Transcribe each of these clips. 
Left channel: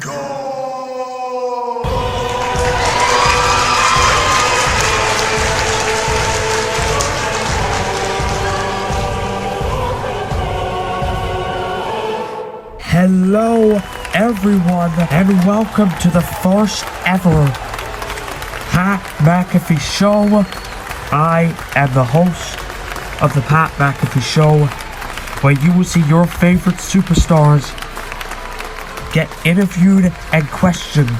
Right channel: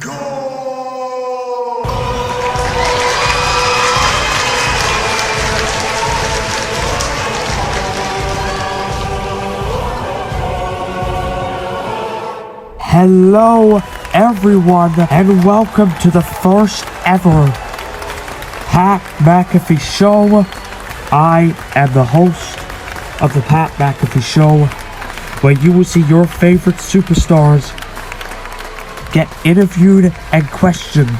Go! Hello everyone and welcome to the first ever Pat McAfee Show. I am the host of the Pat McAfee Show, where you will see your favorite superstars get interviewed and questioned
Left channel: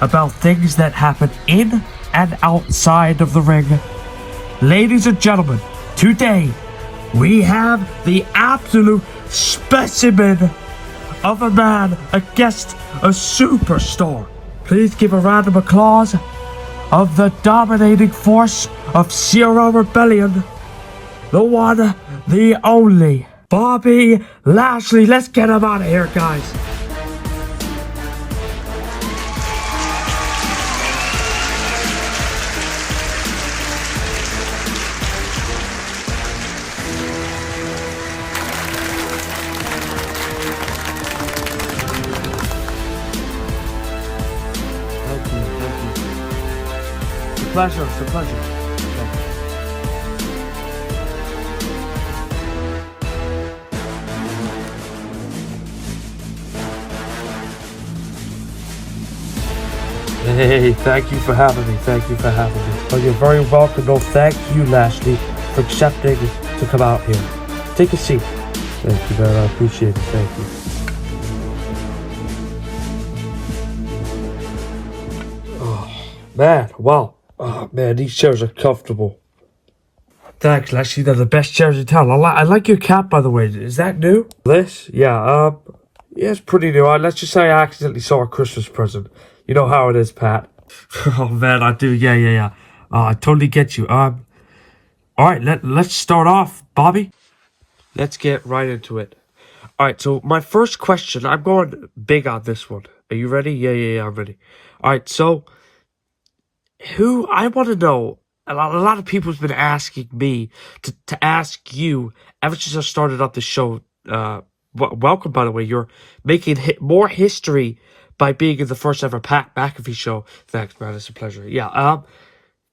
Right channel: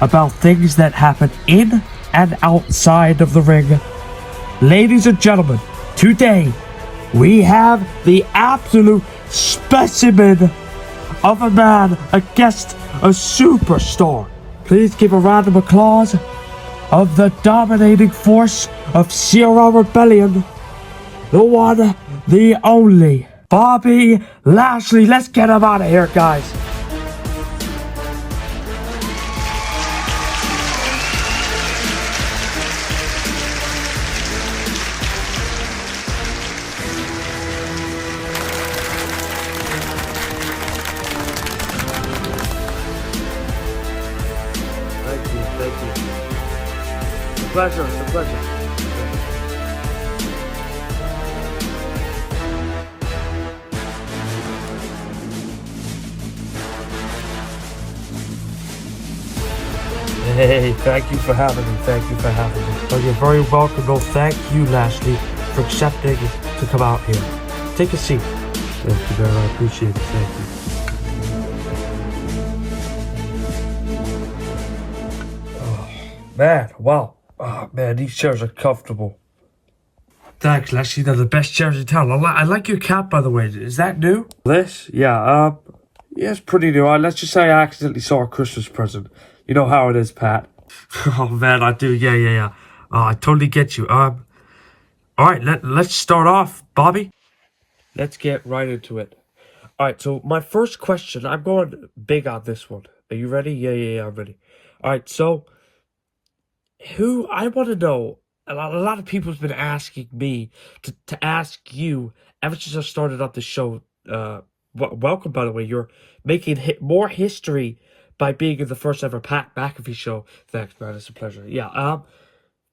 about things that happen in and outside of the ring. Ladies and gentlemen, today we have the absolute specimen of a man, a guest, a superstar. Please give a round of applause of the dominating force of Zero Rebellion, the one, the only, Bobby Lashley. Let's get him out of here, guys. Pleasure, it's a pleasure. Hey, thank you for having me. Thank you for having me. Oh, you're very welcome. No, thank you, Lashley, for accepting to come out here. Take a seat. Thank you, man. I appreciate it. Thank you. Oh, man, wow. Oh man, these chairs are comfortable. Thanks, Lashley. They're the best chairs in town. I like your cap, by the way. Is that new? This? Yeah, it's pretty new. Let's just say I accidentally saw a Christmas present. You know how it is, Pat. Oh man, I do. Yeah. I totally get you. All right, let's start off, Bobby. Let's get right into it. All right, so my first question, I'm going big on this one. Are you ready? Yeah, I'm ready. All right, so who I want to know, a lot of people's been asking me to ask you ever since I started up the show. Welcome, by the way. You're making more history by being in the first ever Pat McAfee Show. Thanks, man. It's a pleasure. Yeah,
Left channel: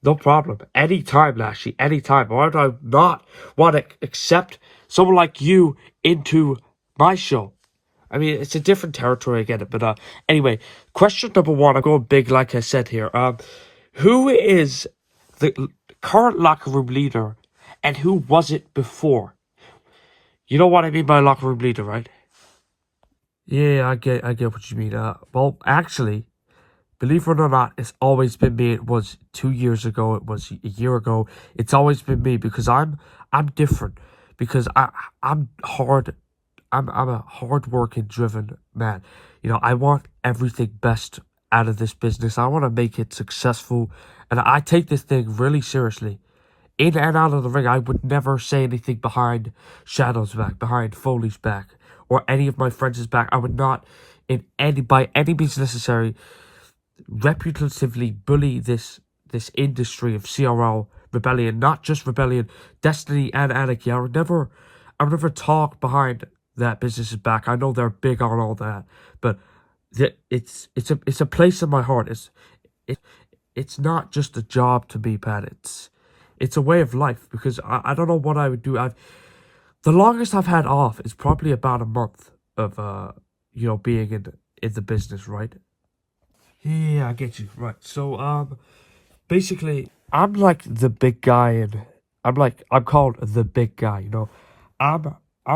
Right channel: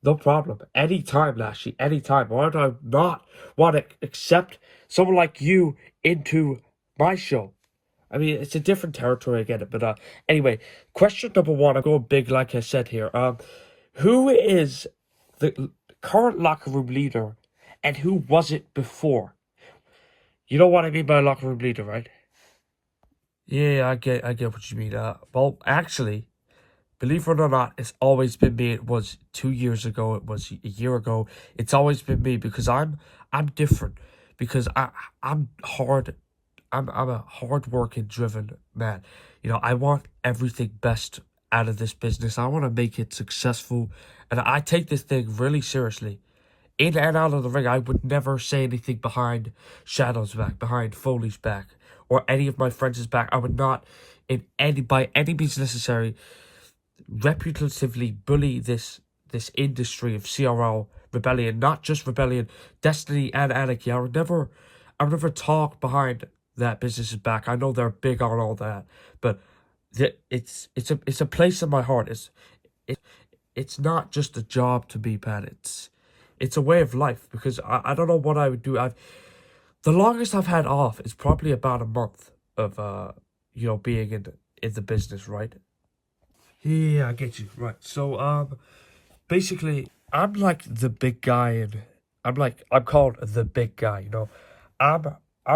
no problem. Anytime, Lashley. Anytime. Why do I not want to accept someone like you into my show? I mean, it's a different territory, I get it. But anyway, question number one. I'm going big, like I said here. Who is the current locker room leader, and who was it before? You know what I mean by locker room leader, right? Yeah, I get what you mean. Well, actually, believe it or not, it's always been me. It was 2 years ago. It was a year ago. It's always been me because I'm different. Because I'm hard. I'm a hard-working, driven man. You know, I want everything best out of this business. I want to make it successful, and I take this thing really seriously. In and out of the ring, I would never say anything behind Shadow's back, behind Foley's back, or any of my friends' back. I would not, by any means necessary, reputatively bully this industry of CRL Rebellion, not just Rebellion, Destiny and Anarchy. I would never talk behind that business's back. I know they're big on all that, but it's a place in my heart. It's not just a job to me, Pat. It's a way of life, because I don't know what I would do. The longest I've had off is probably about a month of being in the business, right? Yeah, I get you. Right. So basically I'm like the big guy, and I'm called the big guy, you know. I'm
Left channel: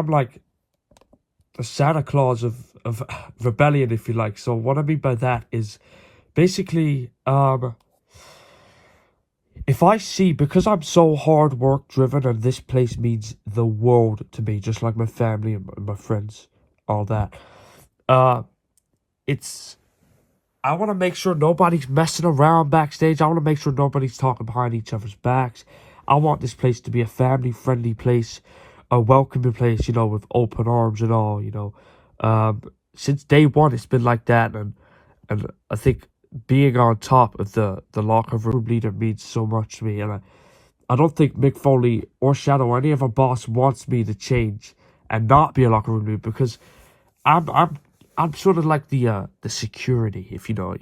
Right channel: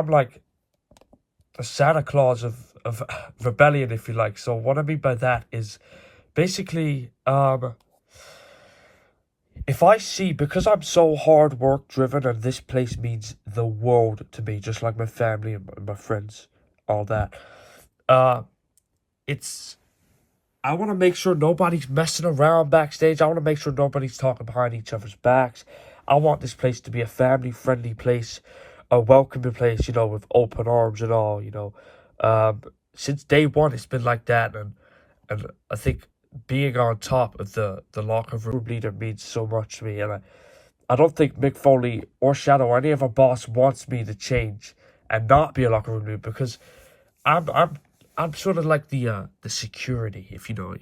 like the Santa Claus of Rebellion, if you like. So what I mean by that is basically if I see, because I'm so hard work driven, and this place means the world to me, just like my family and my friends, all that, I want to make sure nobody's messing around backstage. I want to make sure nobody's talking behind each other's backs. I want this place to be a family-friendly place, a welcoming place, you know, with open arms and all, you know. Since day one, it's been like that, and I think being on top of the locker room leader means so much to me. And I don't think Mick Foley or Shadow or any of our boss wants me to change and not be a locker room leader, because I'm I'm sort of like the security, if you know.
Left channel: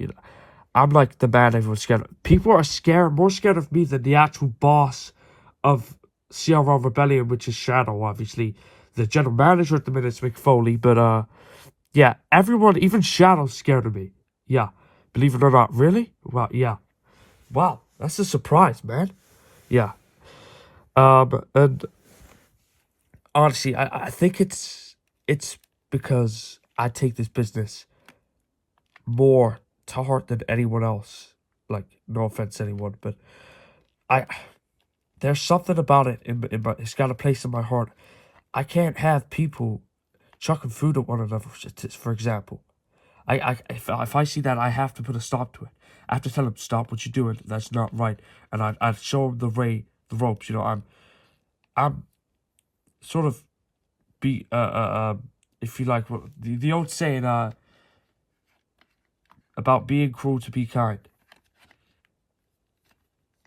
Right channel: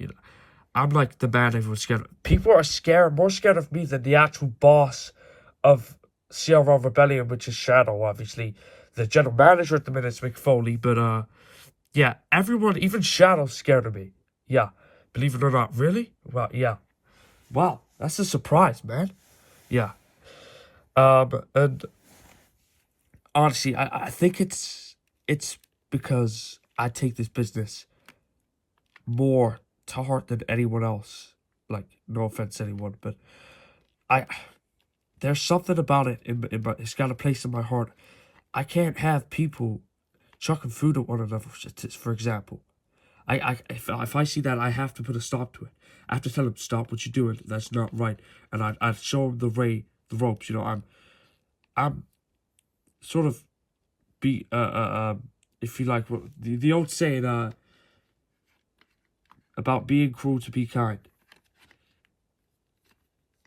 I'm like the man everyone's scared of. People are more scared of me than the actual boss of CRL Rebellion, which is Shadow, obviously. The general manager at the minute is McFoley, but yeah, everyone, even Shadow's scared of me. Yeah, believe it or not. Really? Well, yeah. Wow, that's a surprise, man. Yeah. And honestly, I think it's because I take this business more to heart than anyone else. Like, no offense to anyone, but I there's something about it it's got a place in my heart. I can't have people chucking food at one another, for example. If I see that, I have to put a stop to it. I have to tell them, stop what you're doing. That's not right. And I'd show them the ropes. I'm sort of if you like, the old saying, about being cruel to be kind.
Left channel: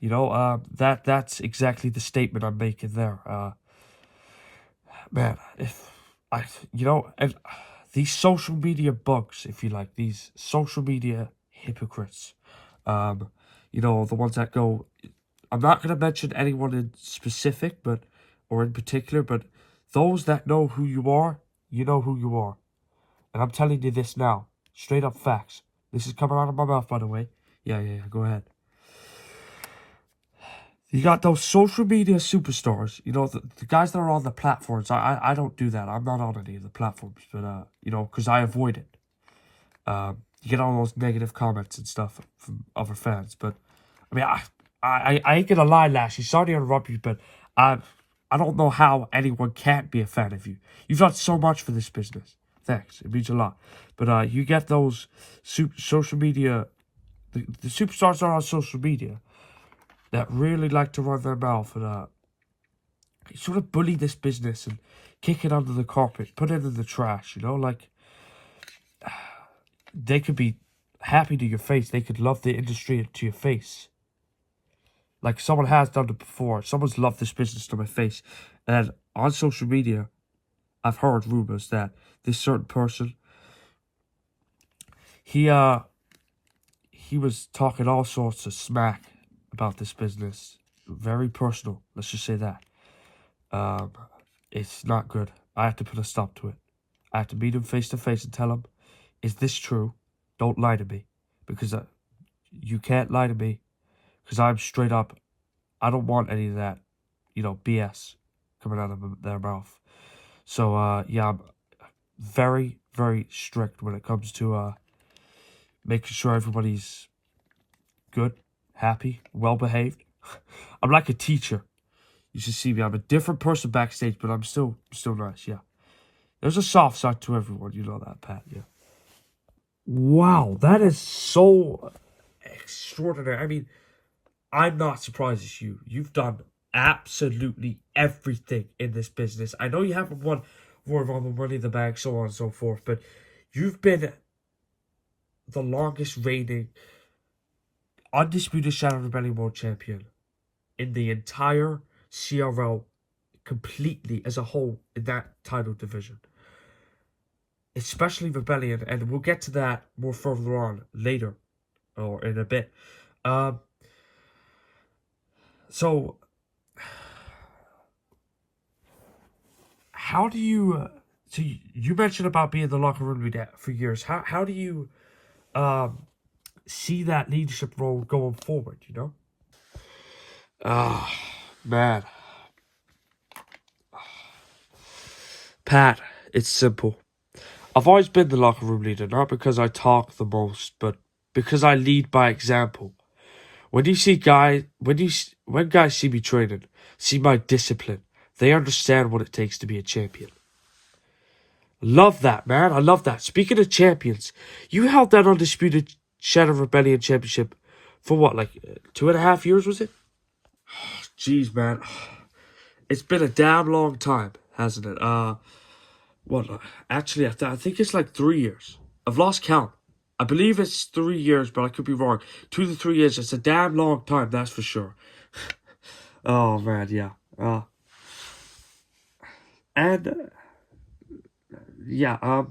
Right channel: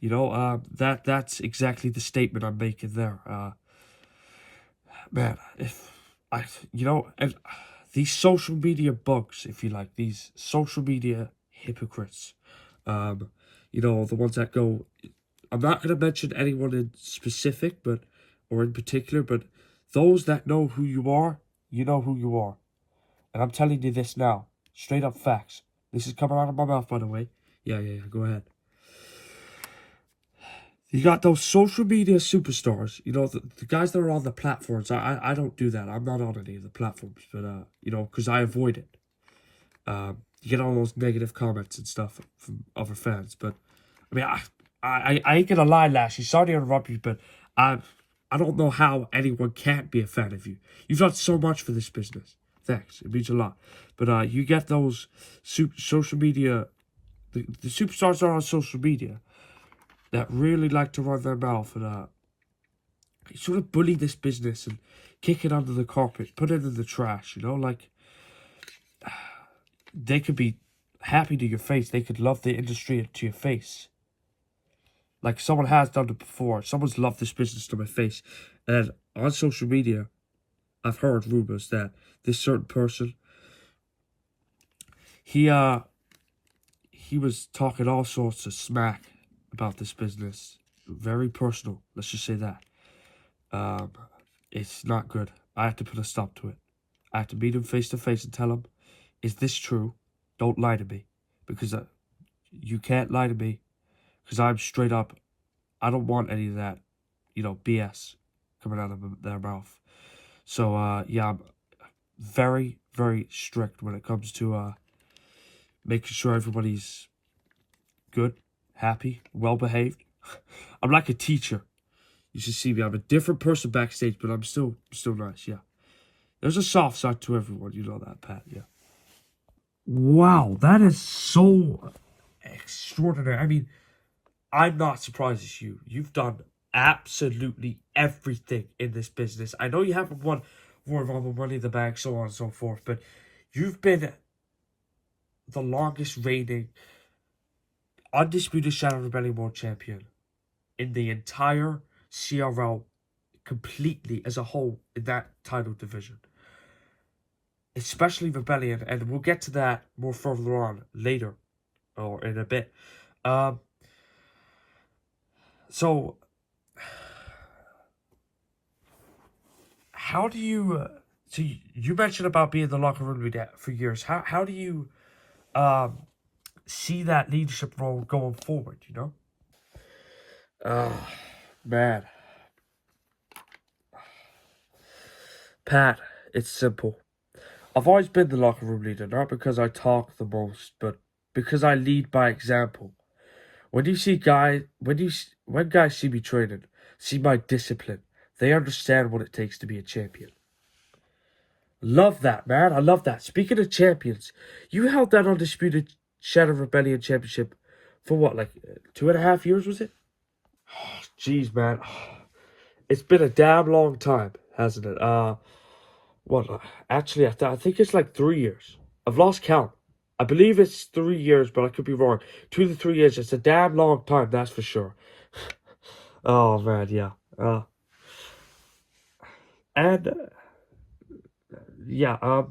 That's exactly the statement I'm making there. Man, if and these social media bugs, if you like, these social media hypocrites, the ones that go, I'm not going to mention anyone in specific, or in particular, but those that know who you are, you know who you are. And I'm telling you this now, straight up facts. This is coming out of my mouth, by the way. Yeah, go ahead. You got those social media superstars, the guys that are on the platforms. I don't do that. I'm not on any of the platforms, but, because I avoid it. You get all those negative comments and stuff from other fans. But, I mean, I ain't gonna lie, Lashley. Sorry to interrupt you, but I don't know how anyone can't be a fan of you. You've done so much for this business. Thanks. It means a lot. But, you get those social media, the superstars that are on social media that really like to run their mouth and sort of bully this business and kick it under the carpet, put it in the trash, like they could be happy to your face, they could love the industry to your face. Like someone has done it before. Someone's loved this business to my face. And on social media, I've heard rumors that this certain person, he was talking all sorts of smack about this business. Very personal, let's just say that. It's not good. I have to put a stop to it. I have to meet him face to face and tell him, is this true? Don't lie to me. Because you can't lie to me. Because I'm straight up. I don't want any of that, BS coming out of their mouth. So, yeah, I'm very, very strict when it comes to making sure everybody's good, happy, well-behaved. I'm like a teacher. You should see me. I'm a different person backstage, but I'm still nice, yeah. There's a soft side to everyone, you know that, Pat, yeah. Wow, that is so extraordinary. I mean, I'm not surprised as you. You've done absolutely everything in this business. I know you haven't won Royal Rumble, Money in the Bank, so on and so forth, but you've been the longest reigning undisputed Shadow Rebellion World Champion in the entire CRL completely as a whole in that title division. Especially Rebellion, and we'll get to that more further on later, or in a bit. So, how do you... so you mentioned about being in the locker room for years. How do you see that leadership role going forward, man. Pat, it's simple. I've always been the locker room leader, not because I talk the most, but because I lead by example. When guys see me training, see my discipline, they understand what it takes to be a champion. Love that, man. I love that. Speaking of champions, you held that undisputed Shadow Rebellion championship for what, like 2.5 years, was it? Jeez, man. It's been a damn long time, hasn't it? Actually, I think it's like 3 years. I've lost count. I believe it's 3 years, but I could be wrong. 2 to 3 years. It's a damn long time, that's for sure. Oh, man, yeah. Yeah,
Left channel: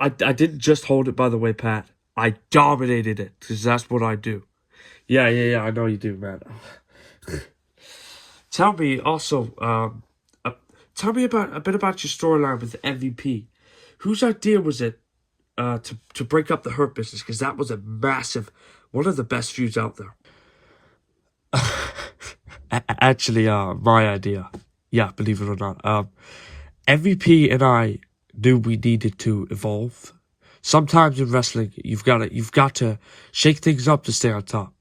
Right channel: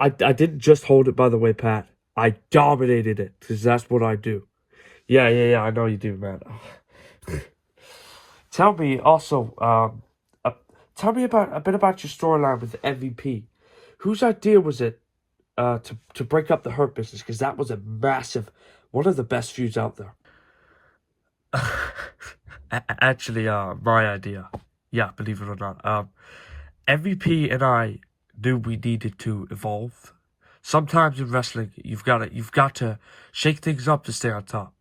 I didn't just hold it, by the way, Pat. I dominated it, because that's what I do. Yeah, I know you do, man. Tell me also, tell me about a bit about your storyline with MVP. Whose idea was it to break up the Hurt Business? Because that was a massive, one of the best feuds out there. Actually, my idea. Yeah, believe it or not. MVP and I knew we needed to evolve. Sometimes in wrestling, you've got to shake things up to stay on top.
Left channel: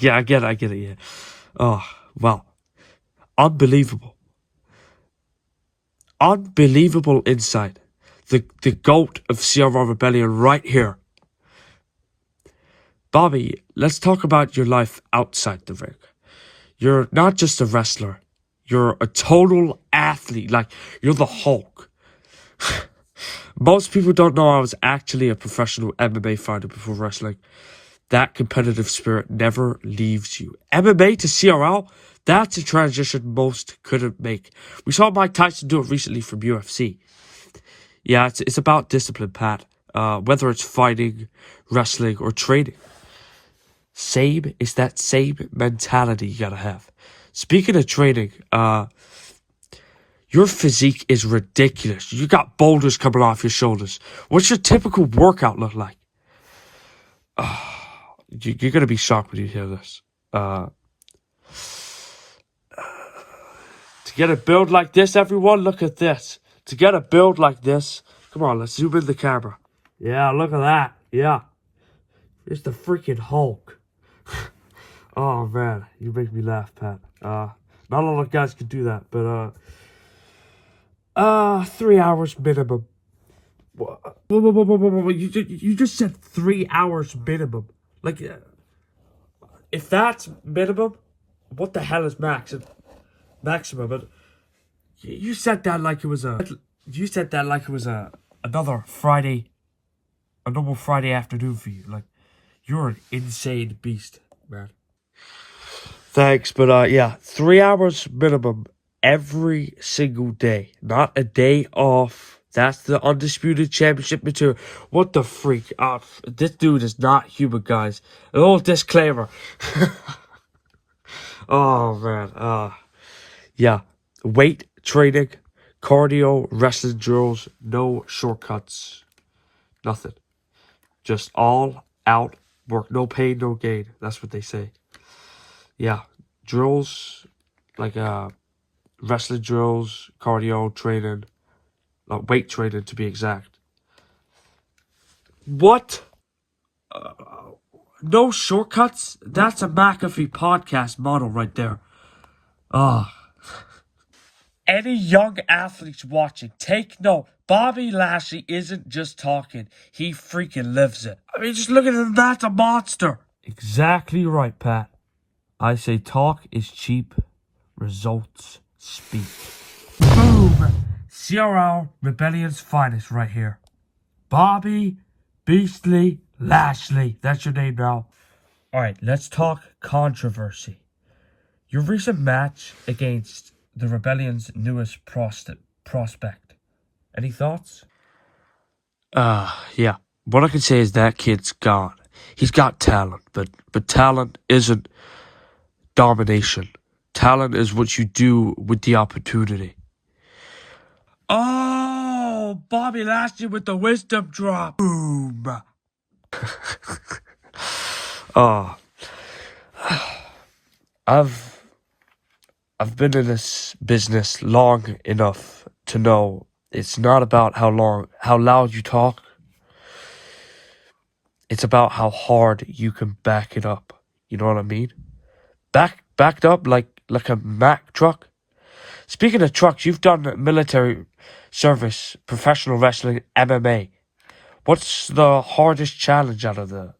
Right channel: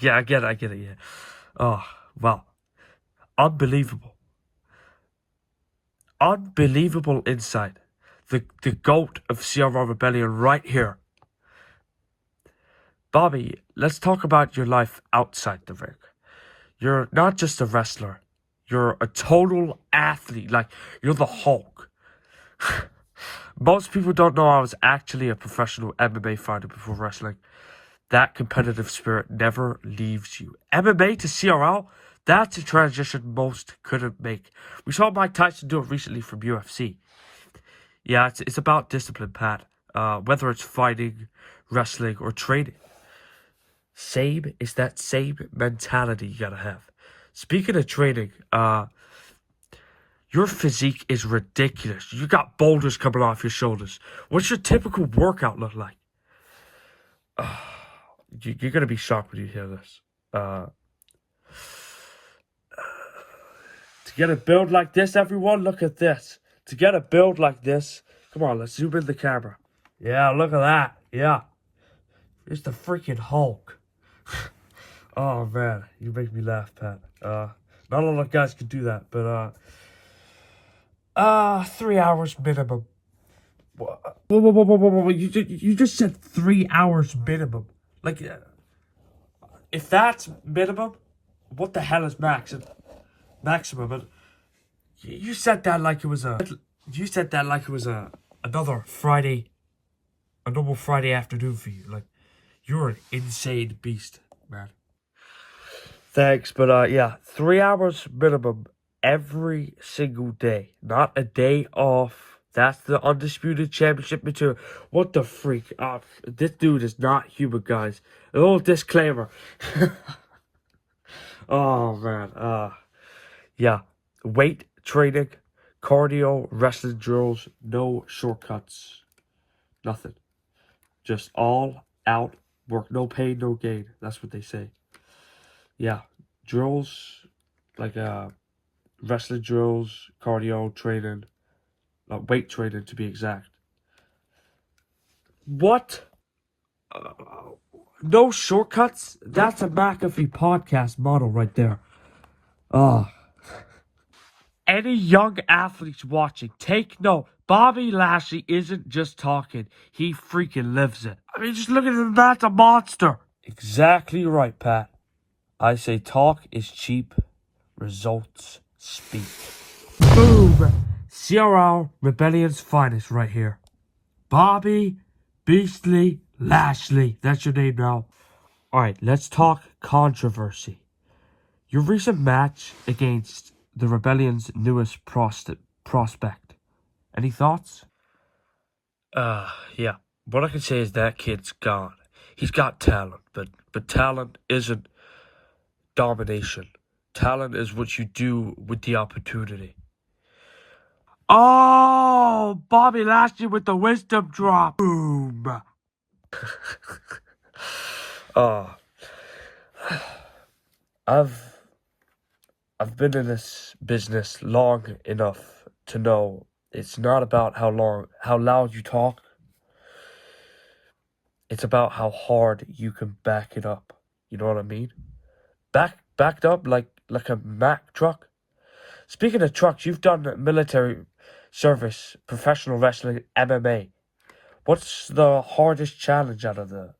Yeah, I get it, yeah. Oh, wow. Unbelievable. Unbelievable insight. The GOAT of CRR Rebellion right here. Bobby, let's talk about your life outside the ring. You're not just a wrestler. You're a total athlete. Like, you're the Hulk. Most people don't know I was actually a professional MMA fighter before wrestling. That competitive spirit never leaves you. MMA to CRL, that's a transition most couldn't make. We saw Mike Tyson do it recently from UFC. Yeah, it's about discipline, Pat. Whether it's fighting, wrestling, or training. It's that same mentality you gotta have. Speaking of training, your physique is ridiculous. You got boulders coming off your shoulders. What's your typical workout look like? You're gonna be shocked when you hear this. To get a build like this, everyone, look at this. To get a build like this, come on, let's zoom in the camera. Yeah, look at that. Yeah. It's the freaking Hulk. Oh, man, you make me laugh, Pat. Not a lot of guys can do that, but, 3 hours minimum. Whoa. You just said 3 hours minimum. Like, if that's minimum, what the hell is maximum? But you said that like it was another Friday, a normal Friday afternoon for you. Like, you're an insane beast, man. Thanks, but yeah, 3 hours minimum every single day, not a day off. That's the undisputed championship material. What the freak? This dude is not human, guys. An old disclaimer. Oh man, yeah, weight training, cardio, wrestling drills, no shortcuts, nothing. Just all out work, no pain, no gain. That's what they say. Yeah, drills, like wrestling drills, cardio training, weight training to be exact. What? No shortcuts? That's a McAfee podcast model right there. Any young athletes watching, take note. Bobby Lashley isn't just talking. He freaking lives it. I mean, just look at him. That's a monster. Exactly right, Pat. I say talk is cheap. Results speak. Boom! CRL Rebellion's finest right here. Bobby Beastly Lashley. That's your name now. Alright, let's talk controversy. Your recent match against the Rebellion's newest prospect. Any thoughts? Yeah. What I can say is that kid's gone. He's got talent, but talent isn't domination. Talent is what you do with the opportunity. Oh, Bobby Lashley with the wisdom drop. Boom. Oh, I've been in this business long enough to know it's not about how loud you talk. It's about how hard you can back it up. You know what I mean? Backed up like a Mack truck. Speaking of trucks, you've done military service, professional wrestling, MMA. What's the hardest challenge out of that?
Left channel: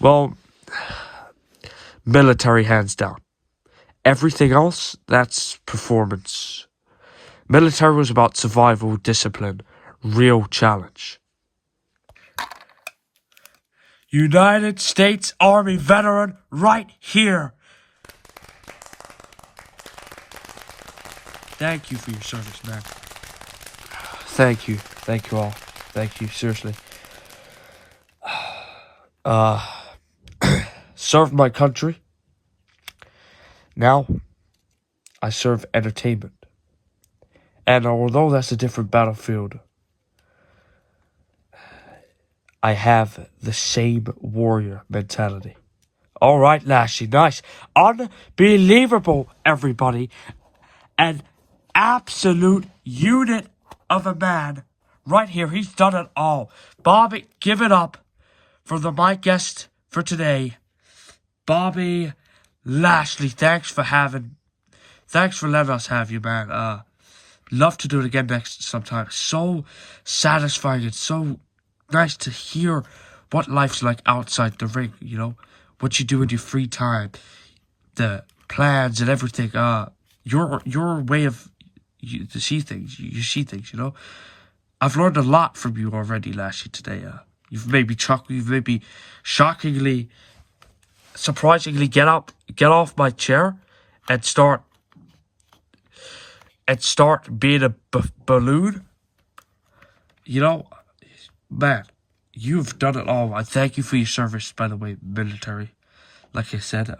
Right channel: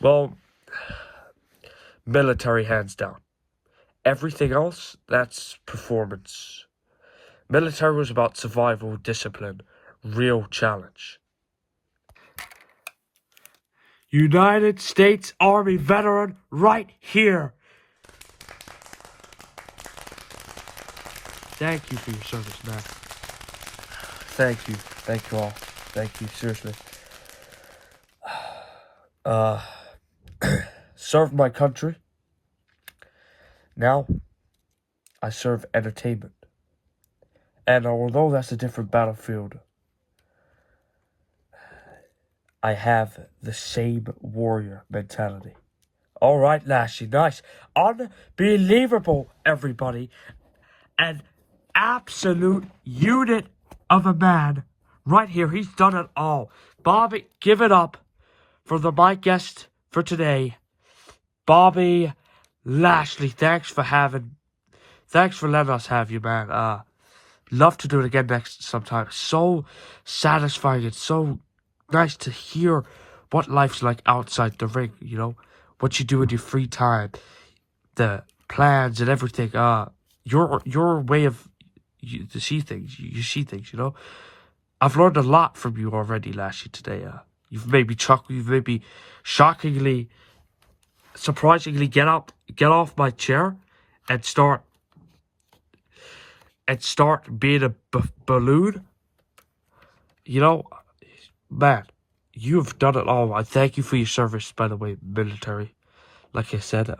Well, military hands down. Everything else, that's performance. Military was about survival, discipline, real challenge. United States Army veteran right here. Thank you for your service, man. Thank you. Thank you all. Thank you, seriously. Served my country. Now, I serve entertainment. And although that's a different battlefield, I have the same warrior mentality. All right, Lashley, nice. Unbelievable, everybody. An absolute unit of a man right here. He's done it all. Bobby, give it up for my guest for today, Bobby Lashley. Thanks for letting us have you, man. Love to do it again next sometime. So satisfying and so nice to hear what life's like outside the ring, you know? What you do in your free time, the plans and everything. Your way of you see things, you know? I've learned a lot from you already, Lashley, today. You've made me chuckle, you've made me shockingly, surprisingly get off my chair and start being a balloon. You know, man, you've done it all. I thank you for your service, by the way, military. Like I said,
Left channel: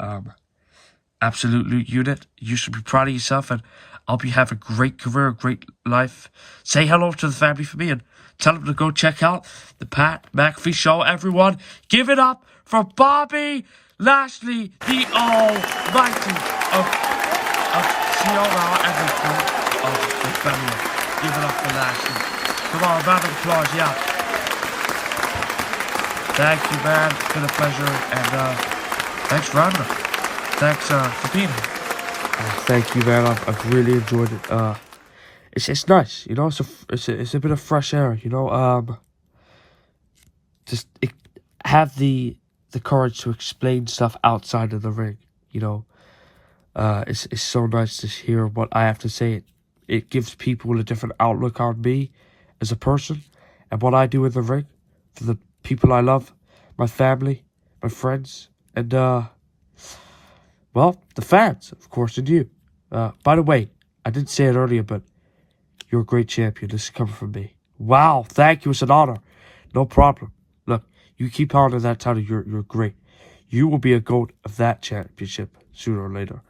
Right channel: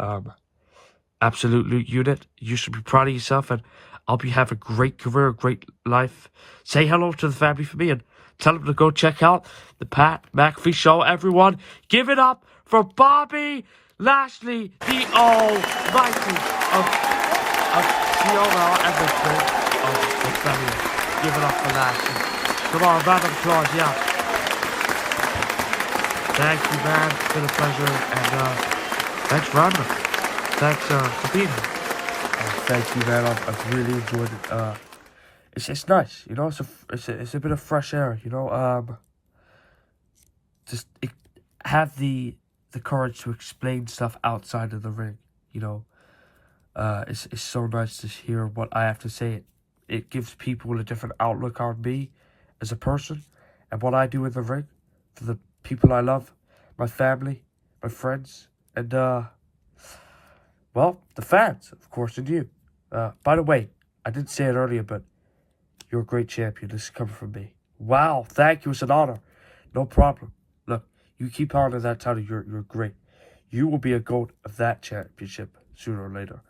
absolute unit. You should be proud of yourself, and I hope you have a great career, a great life. Say hello to the family for me, and tell them to go check out the Pat McAfee Show. Everyone, give it up for Bobby Lashley, the Almighty of Ciara and the family. Give it up for Lashley. Come on, round of applause, yeah. Thank you, man. It's been a pleasure, and thanks for having us. Thanks for being here. Thank you, man. I've really enjoyed it. It's nice, you know. It's a bit of fresh air, you know. Just have the courage to explain stuff outside of the ring, you know. It's so nice to hear what I have to say. It gives people a different outlook on me as a person and what I do in the ring for the people I love, my family, my friends, and well, the fans, of course, and you. By the way, I didn't say it earlier, but you're a great champion. This is coming from me. Wow, thank you. It's an honor. No problem. Look, you keep holding that title. You're great. You will be a GOAT of that championship sooner or later.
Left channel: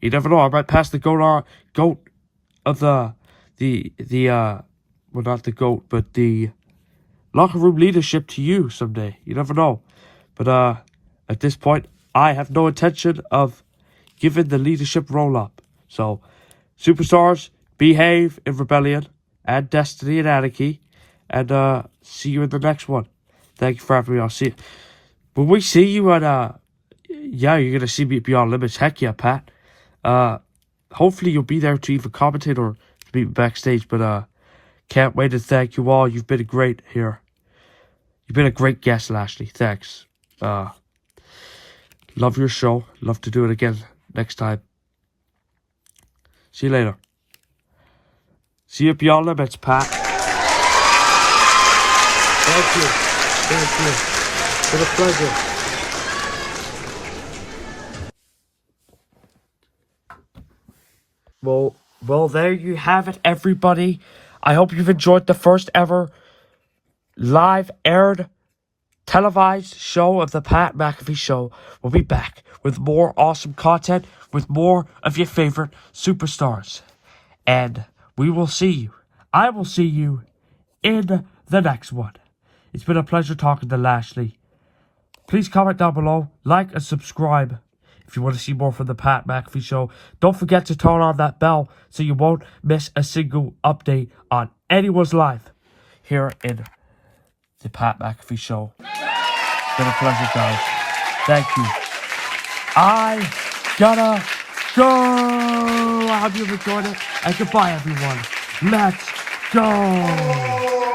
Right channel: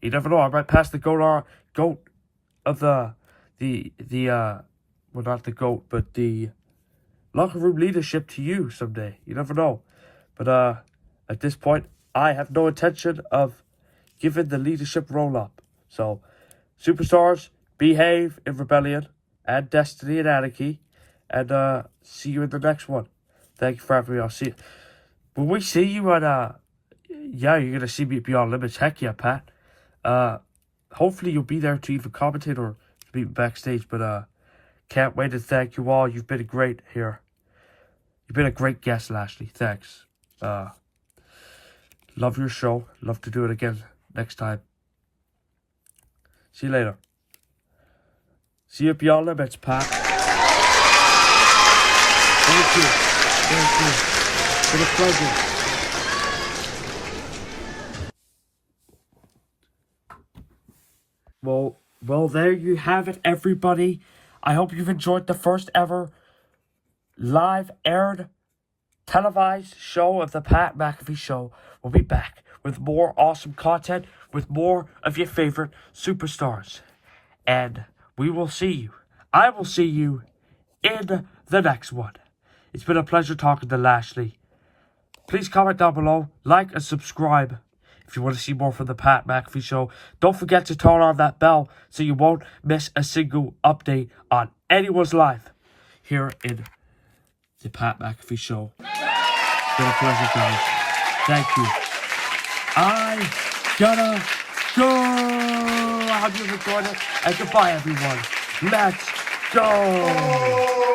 You never know. I might pass the GOAT of well, not the GOAT, but the locker room leadership to you someday. You never know. But at this point, I have no intention of giving the leadership roll up. So, superstars, behave in Rebellion and Destiny and Anarchy, and see you in the next one. Thank you for having me. I'll see you. When we see you at yeah, you're gonna see me at Beyond Limits. Heck yeah, Pat. Hopefully you'll be there to either commentate or meet me backstage. But can't wait to thank you all. You've been great here. You've been a great guest, Lashley. Thanks. Love your show. Love to do it again next time. See you later. See you at Beyond Limits, Pat. Thank you. Thank you. It's been a pleasure. Well, there you have it, everybody. I hope you've enjoyed the first ever live aired televised show of the Pat McAfee Show. We'll be back with more awesome content, with more of your favorite superstars. And we will see you. I will see you in the next one. It's been a pleasure talking to Lashley. Please comment down below, like and subscribe if you want to see more from the Pat McAfee Show. Don't forget to turn on that bell so you won't miss a single update on anyone's life here in the Pat McAfee Show. It's been a pleasure, guys. Thank you. I gotta go. I hope you've enjoyed it. And goodbye, everyone. Let's go.